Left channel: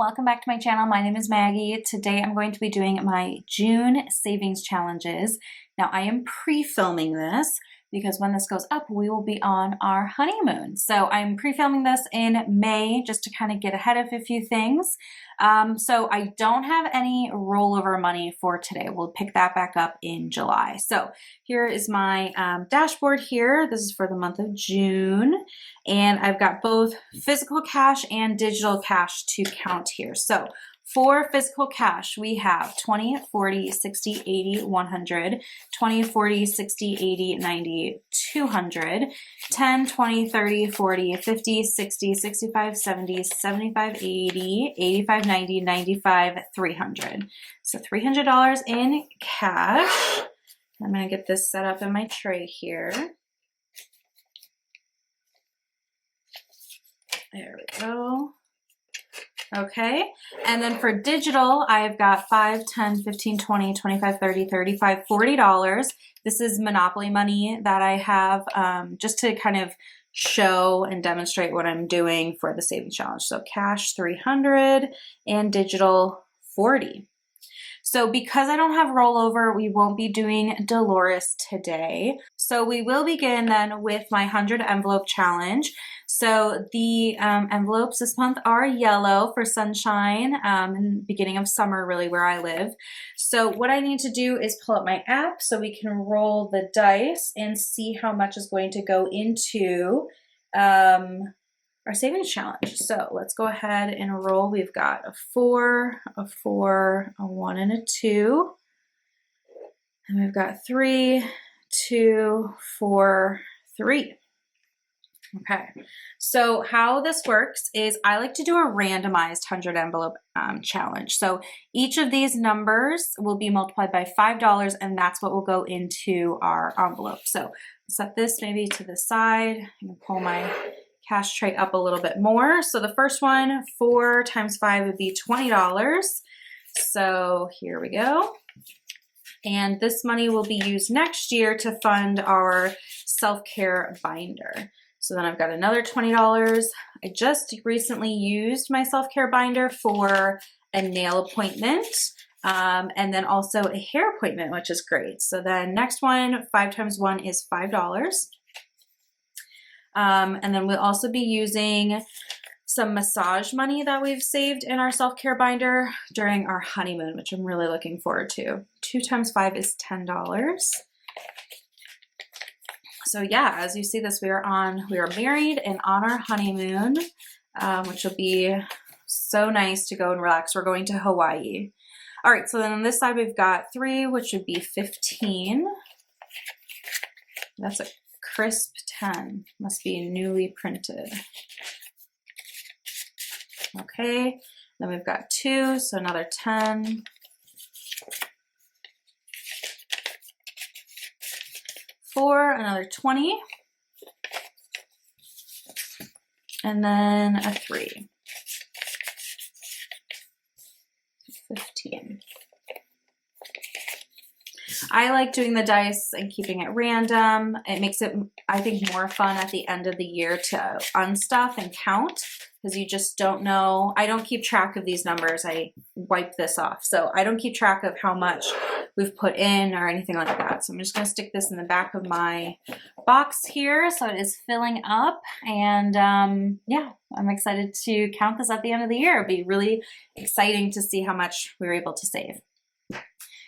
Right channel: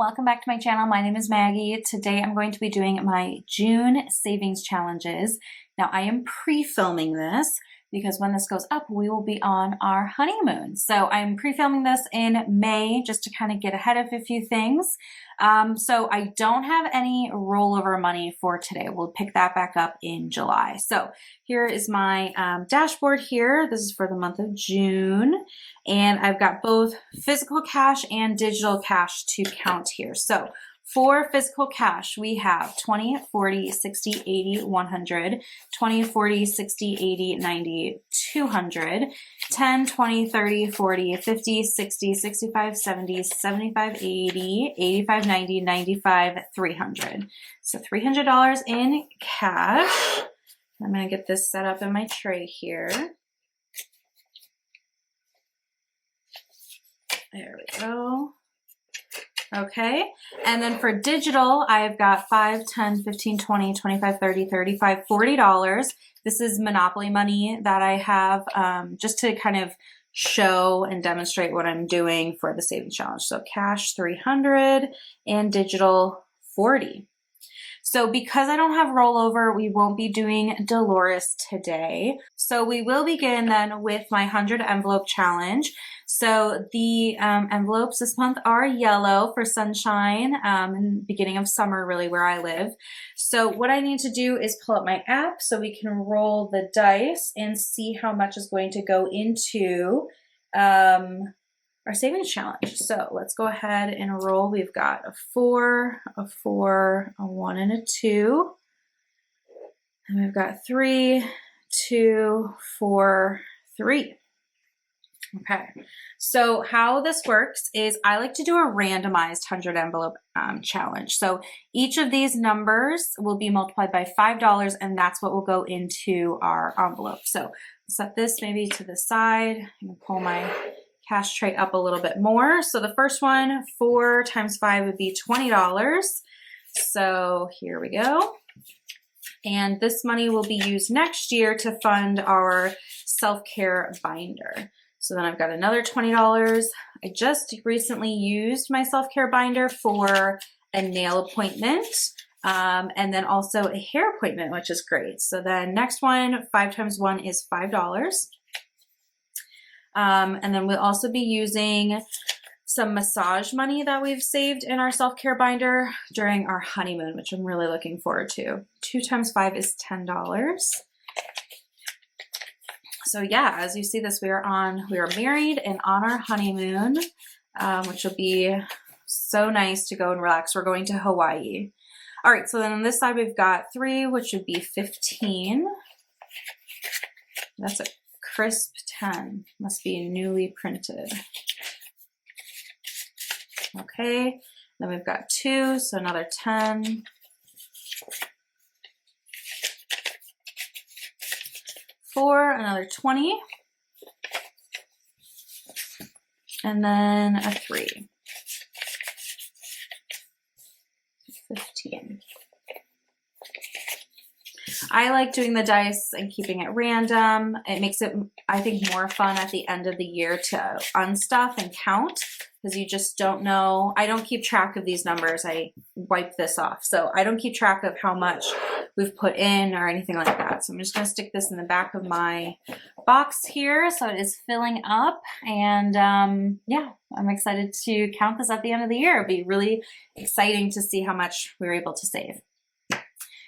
welcome back to my channel. My name is Maggie. Today I'm going to be doing my June savings challenges. Now I am pre-filming this because when this goes up, we will be on our honeymoon. So I'm pre-filming this in May just to kind of get ahead of a few things. So I don't have any rollover money for today. We'll pick that back up in July. So here is my dashboard here. This is for the month of June. And I've got both physical cash and digital cash to count here. So for physical cash, we have 20, 40, 60, 80, 100, 20, 40, 60, 80, 90, 200, 10, 20, 30, 40, 50, 60, 65, 70, 75, 80, 85, 90, 95, 300. So $300 in cash. I'm going to get this set up in my tray here. There we go. Okay, and then for digital, I've got 5, 10, 15, 20, 25, 30, 35, $40. This is Monopoly money that I have just to kind of show and demonstrate what I'm doing for the savings challenge. So cash 300 and digital 40. So because I don't have rollover, we won't be doing Dolores today. So we will begin then with my 100 envelope challenge. So the envelopes this month are yellow for sunshine and beginning of summer, really where I live. So what I need to do is pull up my app so we can roll the dice and see how much is going to go into our savings challenge. So let's go ahead and roll. We've got a 4, a 4, a 1, and a 2. And we've got 3, 2, 4, 3. Okay, so how this works is I like to do a randomized 100 envelope challenge. So each of these numbers will be multiplied by $5, and that's what will go into our envelope. So set this maybe to the side. I'm going to pull my cash tray up a little bit more. So the first one, 4 times 5 would be $20. So here we go. And this money will be used next year to fund our self-care binder. So then I've got another $20. I just recently used my self-care binder for a nail appointment and then also a hair appointment, which is great. So then next one, 5 times 1 is $5. And then we'll also be using some massage money that we've saved in our self-care binder during our honeymoon, which I'm really looking forward to. 2 times 5 is $10. So yeah, as you see this, we are married and on our honeymoon, which will be so nice to go and relax. We're going to Hawaii. All right, so then on this side, we've got 3, which would be 15. That's a crisp 10, must be newly printed. Okay, then we've got 2, so another 10. 4, another 20, and then a 3, 15. I like doing the dice and keeping it random. It makes it, I think, more fun at the end of the year to unstuff and count because you just don't know. I don't keep track of these numbers. I wipe this off. So I don't keep track of how much we've put in or anything like that. So I'm just going to stick this in the back of my box here. So it is filling up. And yeah, I'm excited to count this at the end of the year. It'll be really exciting to see how much we were able to save.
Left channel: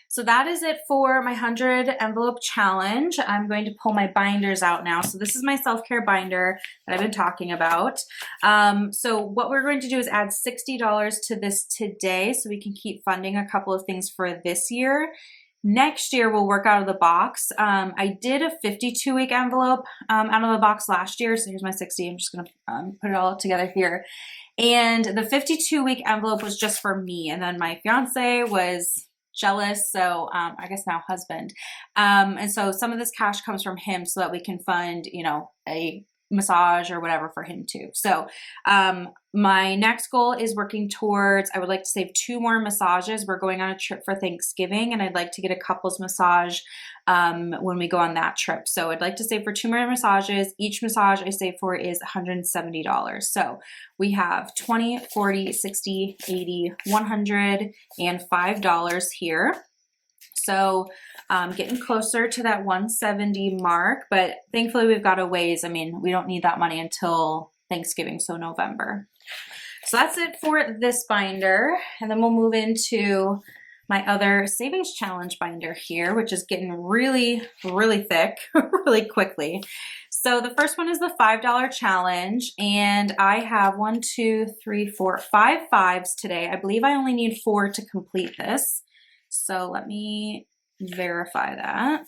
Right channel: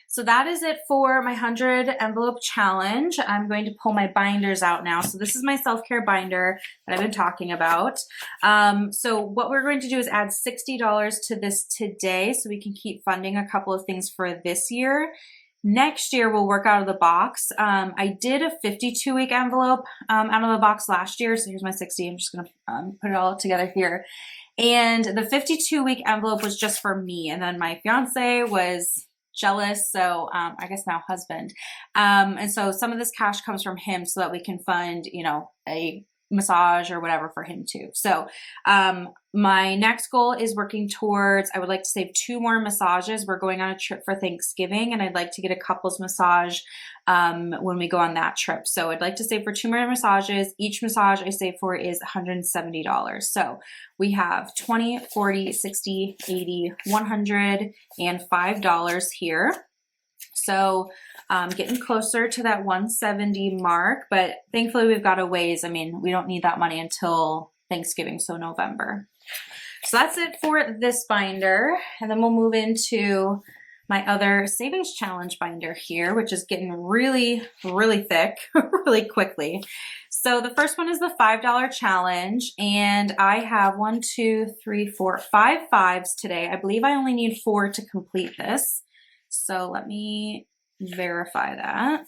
So that is it for my 100 envelope challenge. I'm going to pull my binders out now. So this is my self-care binder that I've been talking about. So what we're going to do is add $60 to this today so we can keep funding a couple of things for this year. Next year, we'll work out of the box. I did a 52-week envelope out of the box last year. So here's my 60. I'm just going to put it all together here. And the 52-week envelope was just for me. And then my fiance was jealous, so I guess now husband. And so some of this cash comes from him so that we can fund, you know, a massage or whatever for him too. So my next goal is working towards, I would like to save 2 more massages. We're going on a trip for Thanksgiving and I'd like to get a couples massage when we go on that trip. So I'd like to save for 2 more massages. Each massage I save for is $170. So we have 20, 40, 60, 80, 100, and $5 here. So getting closer to that 170 mark, but thankfully we've got a ways. I mean, we don't need that money until Thanksgiving, so November. So that's it for this binder. And then we'll move into my other savings challenge binder here, which is getting really, really thick really quickly. So the first one is the $5 challenge, and I have 1, 2, 3, 4, 5 fives today. I believe I only need 4 to complete this. So let me verify that.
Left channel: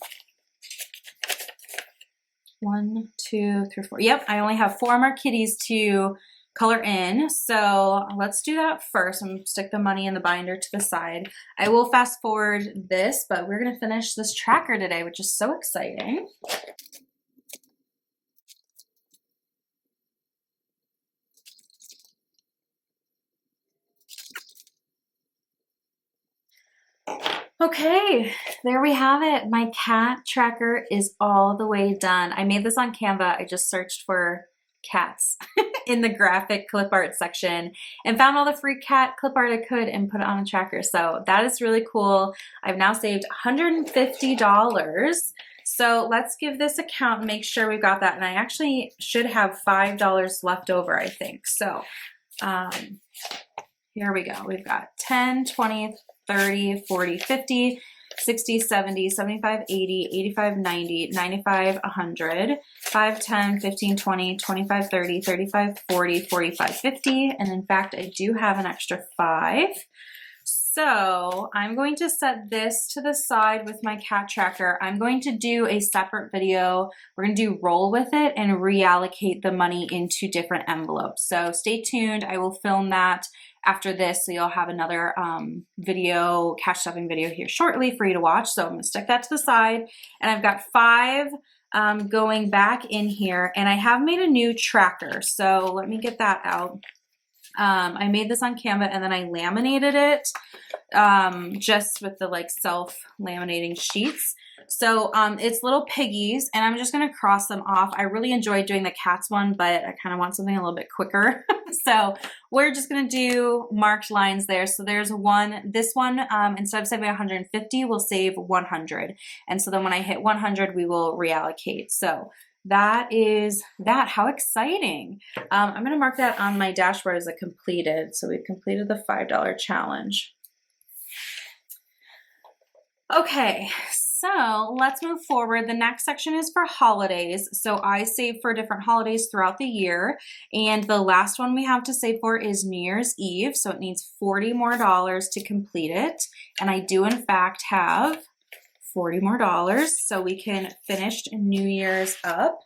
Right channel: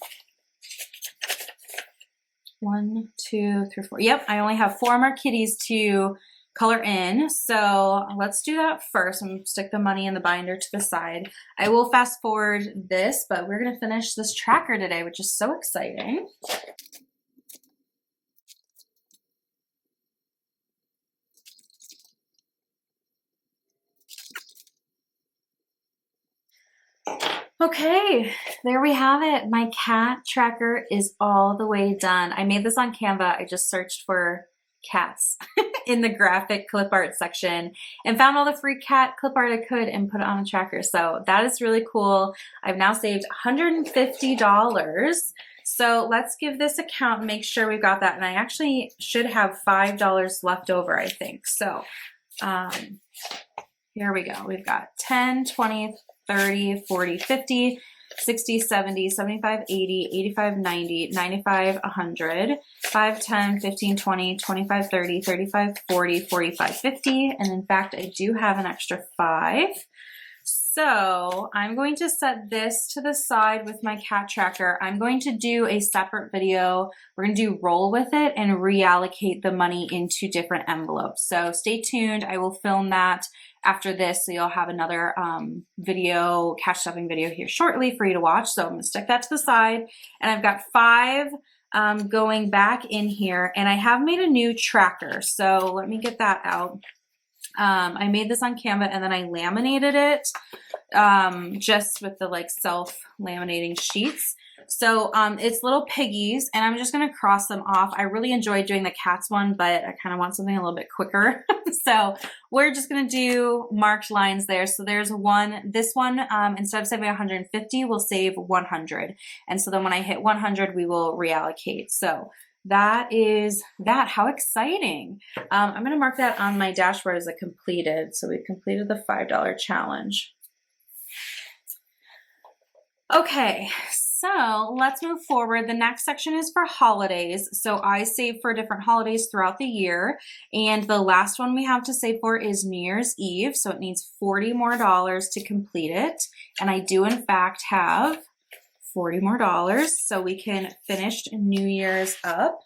1, 2, 3, 4. Yep, I only have 4 more kitties to color in. So let's do that first. I'm gonna stick the money in the binder to the side. I will fast forward this, but we're gonna finish this tracker today, which is so exciting. Okay, there we have it. My cat tracker is all the way done. I made this on Canva. I just searched for cats in the graphic clip art section and found all the free cat clip art I could and put it on a tracker. So that is really cool. I've now saved $150. So let's give this a count and make sure we've got that. And I actually should have $5 left over, I think. So here we go. We've got 10, 20, 30, 40, 50, 60, 70, 75, 80, 85, 90, 95, 100, 5, 10, 15, 20, 25, 30, 35, 40, 45, 50. And in fact, I do have an extra 5. So I'm going to set this to the side with my cat tracker. I'm going to do a separate video. We're going to do roll with it and reallocate the money into different envelopes. So stay tuned. I will film that after this, so you'll have another video, cash stuffing video here shortly for you to watch. So I'm going to stick that to the side, and I've got 5 going back in here, and I have made a new tracker. So let me get that out. I made this on Canva, and then I laminated it just with the like self-laminating sheets. So it's little piggies, and I'm just going to cross them off. I really enjoyed doing the cats one, but I kind of want something a little bit quicker. So we're just going to do marked lines there. So there's one, this one, instead of saving 150, we'll save 100. And so then when I hit 100, we will reallocate. So that is that. How exciting. I'm going to mark that on my dashboard as a completed. So we've completed the $5 challenge. Okay, so let's move forward. The next section is for holidays. So I save for different holidays throughout the year. And the last one we have to save for is New Year's Eve. So it needs $40 more to complete it. And I do in fact have $40 more. So we can finish New Year's up.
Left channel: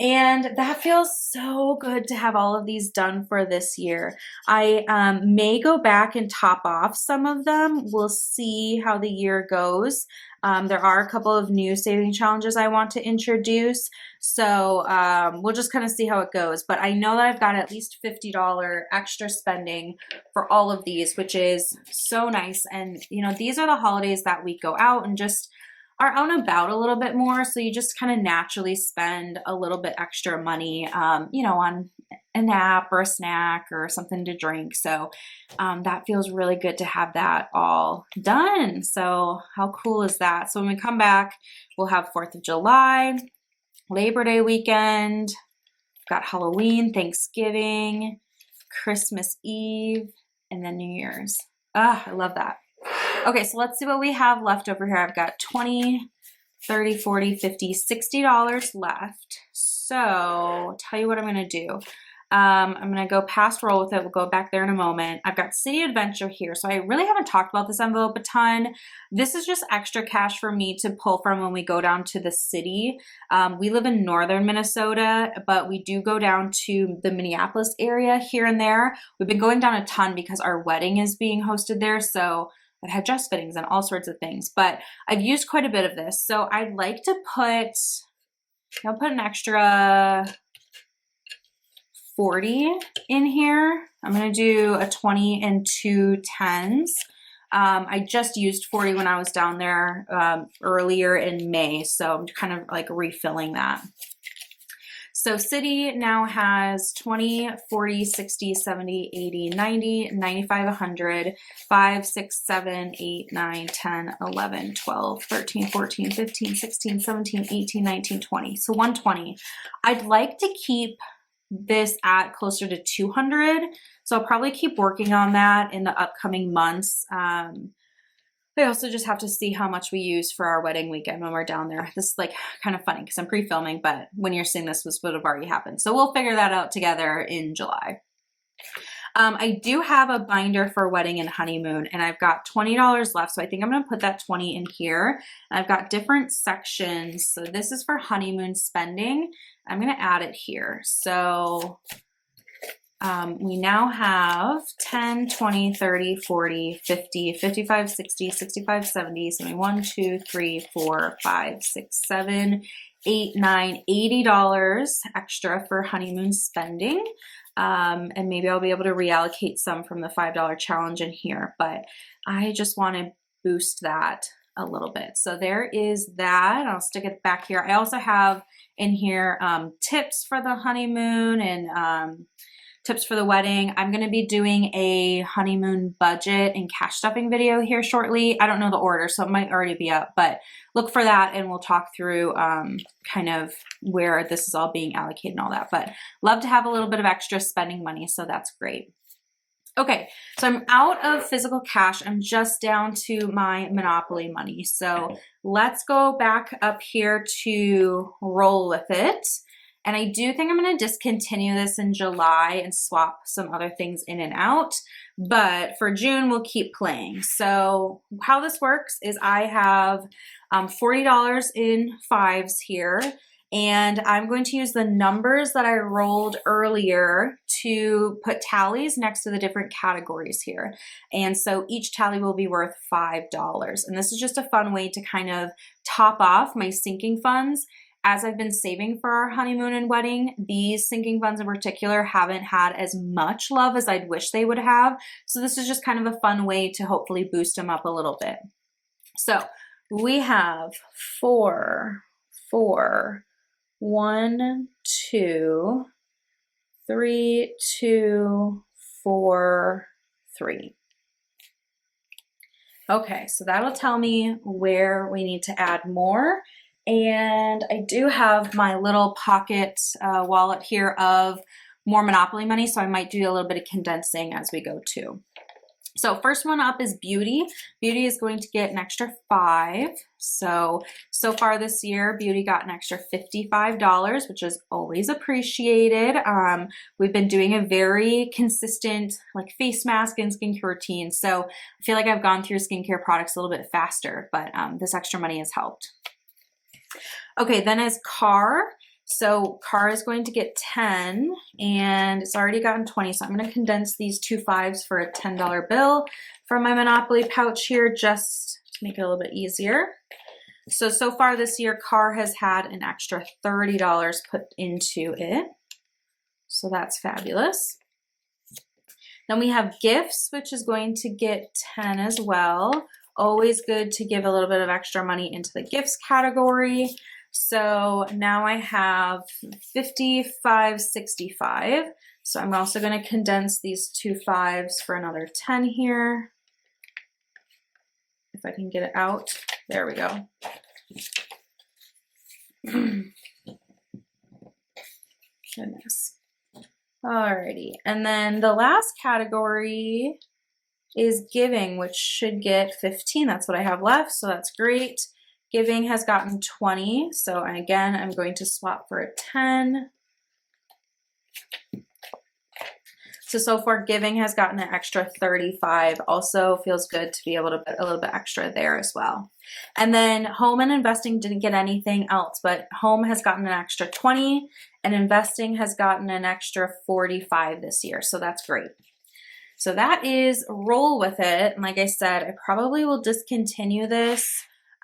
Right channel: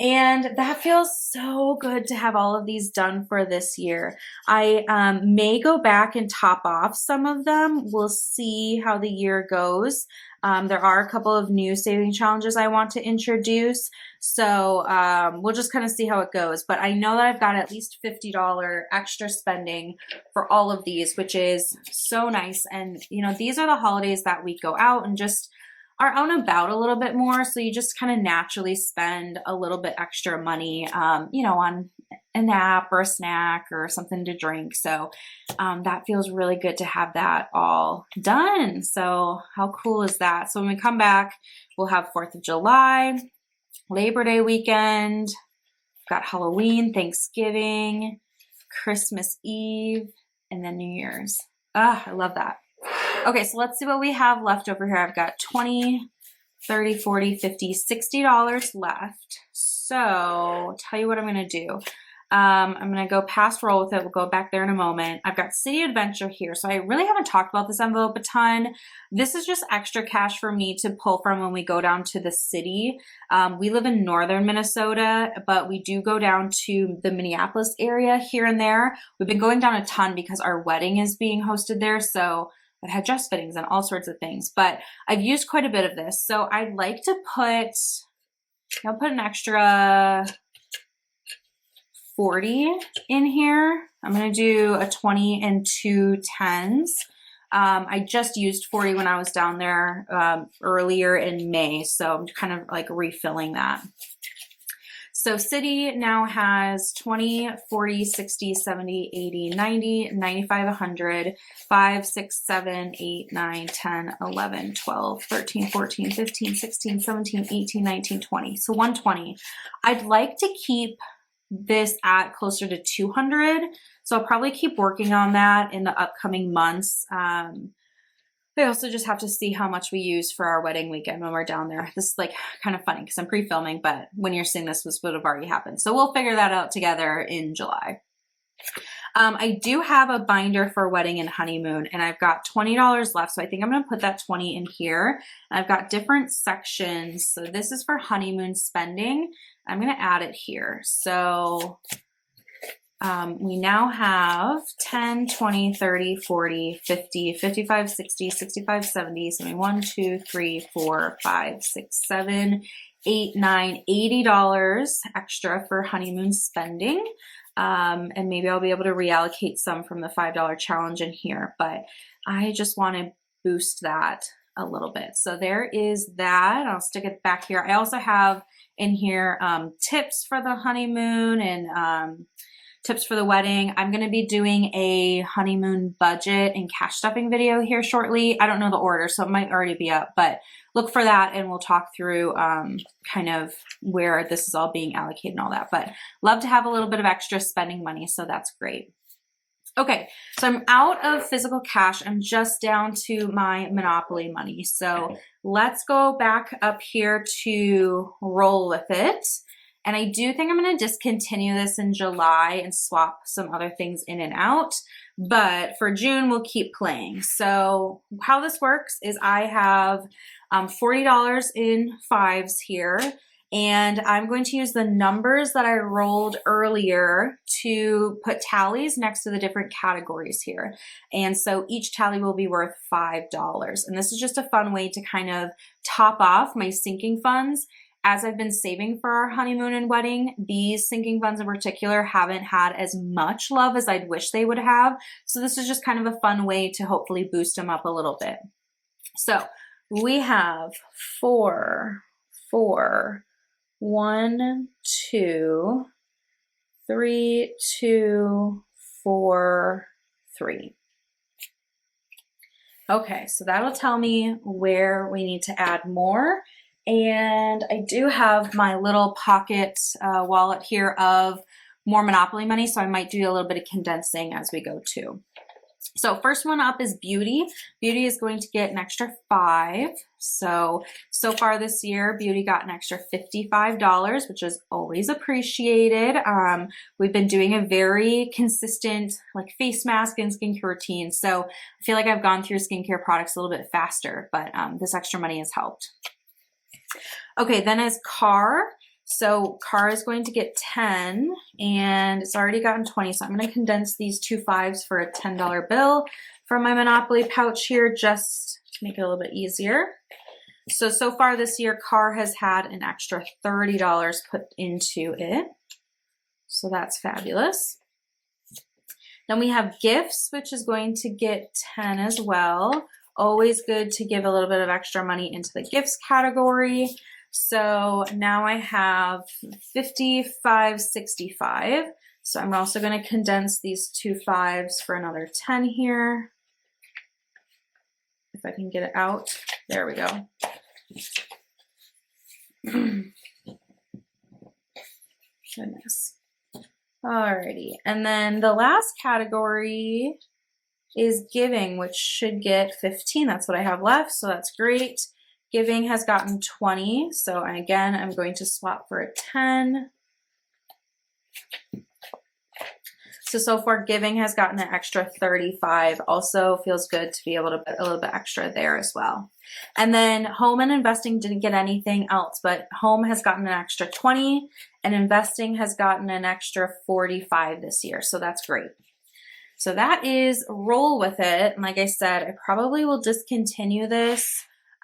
And that feels so good to have all of these done for this year. I may go back and top off some of them. We'll see how the year goes. There are a couple of new saving challenges I want to introduce. So we'll just kind of see how it goes. But I know that I've got at least $50 extra spending for all of these, which is so nice. And, you know, these are the holidays that we go out and just are out and about a little bit more. So you just kind of naturally spend a little bit extra money, you know, on a nap or a snack or something to drink. So that feels really good to have that all done. So how cool is that? So when we come back, we'll have 4th of July, Labor Day weekend, got Halloween, Thanksgiving, Christmas Eve, and then New Year's. Ah, I love that. Okay, so let's see what we have left over here. I've got $20, $30, $40, $50, $60 left. So I'll tell you what I'm going to do. I'm going to go past roll with it. We'll go back there in a moment. I've got City Adventure here. So I really haven't talked about this envelope a ton. This is just extra cash for me to pull from when we go down to the city. We live in northern Minnesota, but we do go down to the Minneapolis area here and there. We've been going down a ton because our wedding is being hosted there. So I've had dress fittings and all sorts of things, but I've used quite a bit of this. So I'd like to I'll put an extra 40 in here. I'm going to do a 20 and 2 10s. I just used 40 when I was down there earlier in May, so I'm kind of like refilling that. So City now has 20, 40, 60, 70, 80, 90, 95, 100, 5, 6, 7, 8, 9, 10, 11, 12, 13, 14, 15, 16, 17, 18, 19, 20. So 120. I'd like to keep this at closer to 200. So I'll probably keep working on that in the upcoming months. I also just have to see how much we use for our wedding weekend when we're down there. This is like kind of funny because I'm pre-filming, but when you're seeing this would have already happened. So we'll figure that out together in July. I do have a binder for wedding and honeymoon, and I've got $20 left. So I think I'm going to put that 20 in here. And I've got different sections. So this is for honeymoon spending. I'm going to add it here. So we now have 10, 20, 30, 40, 50, 55, 60, 65, 70, 71, 2, 3, 4, 5, 6, 7, 8, 9, $80 extra for honeymoon spending. And maybe I'll be able to reallocate some from the $5 challenge in here, but I just want to boost that a little bit. So there is that. I'll stick it back here. I also have in here tips for the honeymoon and tips for the wedding. I'm going to be doing a honeymoon budget and cash stuffing video here shortly. I don't know the order, so it might already be up, but look for that and we'll talk through kind of where this is all being allocated and all that. But love to have a little bit of extra spending money, so that's great. Okay, so I'm out of physical cash. I'm just down to my Monopoly money. So let's go back up here to roll with it. And I do think I'm going to discontinue this in July and swap some other things in and out. But for June, we'll keep playing. So how this works is I have $40 in fives here. And I'm going to use the numbers that I rolled earlier to put tallies next to the different categories here. And so each tally will be worth $5. And this is just a fun way to kind of top off my sinking funds. As I've been saving for our honeymoon and wedding, these sinking funds in particular haven't had as much love as I'd wish they would have. So this is just kind of a fun way to hopefully boost them up a little bit. So we have 4, 4, 1, 2, 3, 2, 4, 3. Okay, so that'll tell me where we need to add more. And I do have my little pocket wallet here of more Monopoly money, so I might do a little bit of condensing as we go too. So first one up is Beauty. Beauty is going to get an extra 5. So far this year, Beauty got an extra $55, which is always appreciated. We've been doing a very consistent like face mask and skincare routine. So I feel like I've gone through skincare products a little bit faster, but this extra money has helped. Okay, then as Car. So Car is going to get 10 and it's already gotten 20. So I'm going to condense these 2 5s for a $10 bill for my Monopoly pouch here just to make it a little bit easier. So far this year, Car has had an extra $30 put into it. So that's fabulous. Then we have Gifts, which is going to get 10 as well. Always good to give a little bit of extra money into the gifts category. So now I have 55, 65. So I'm also going to condense these 2 5s for another 10 here. If I can get it out. There we go. Goodness. Alrighty. And then the last category is Giving, which should get 15. That's what I have left, so that's great. Giving has gotten 20, so again, I'm going to swap for a 10. So far, Giving has gotten an extra 35. Also feels good to be able to put a little bit extra there as well. And then Home and Investing didn't get anything else, but Home has gotten an extra 20, and Investing has gotten an extra 45 this year, so that's great. So that is Roll With It. And like I said, I probably will discontinue this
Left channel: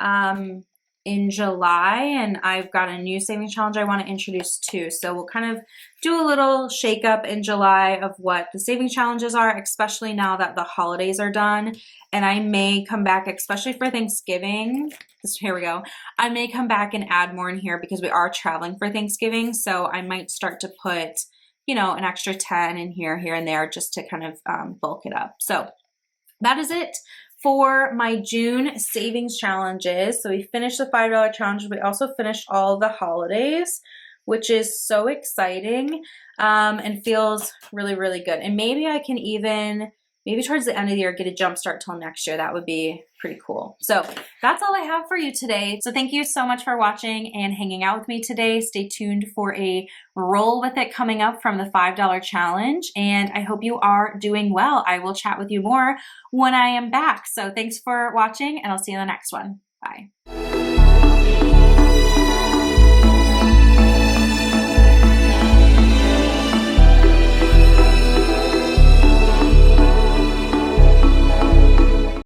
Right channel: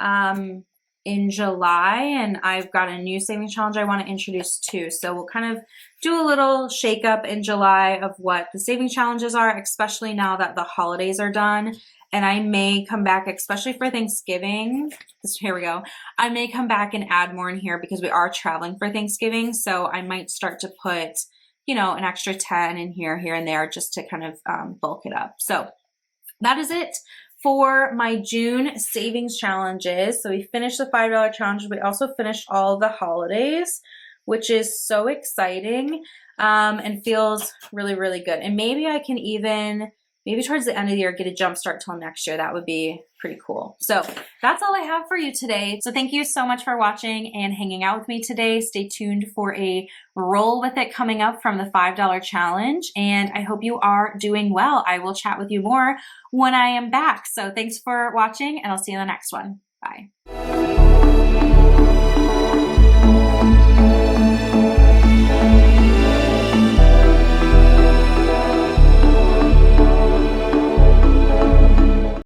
in July, and I've got a new savings challenge I want to introduce too. So we'll kind of do a little shake up in July of what the savings challenges are, especially now that the holidays are done and I may come back, especially for Thanksgiving. Here we go. I may come back and add more in here because we are traveling for Thanksgiving. So I might start to put, you know, an extra 10 in here and there just to kind of bulk it up. So that is it for my June savings challenges. So we finished the $5 challenge. We also finished all the holidays, which is so exciting and feels really, really good. And maybe I can even, maybe towards the end of the year, get a jump start till next year. That would be pretty cool. So that's all I have for you today. So thank you so much for watching and hanging out with me today. Stay tuned for a roll with it coming up from the $5 challenge. And I hope you are doing well. I will chat with you more when I am back. So thanks for watching, and I'll see you in the next one. Bye.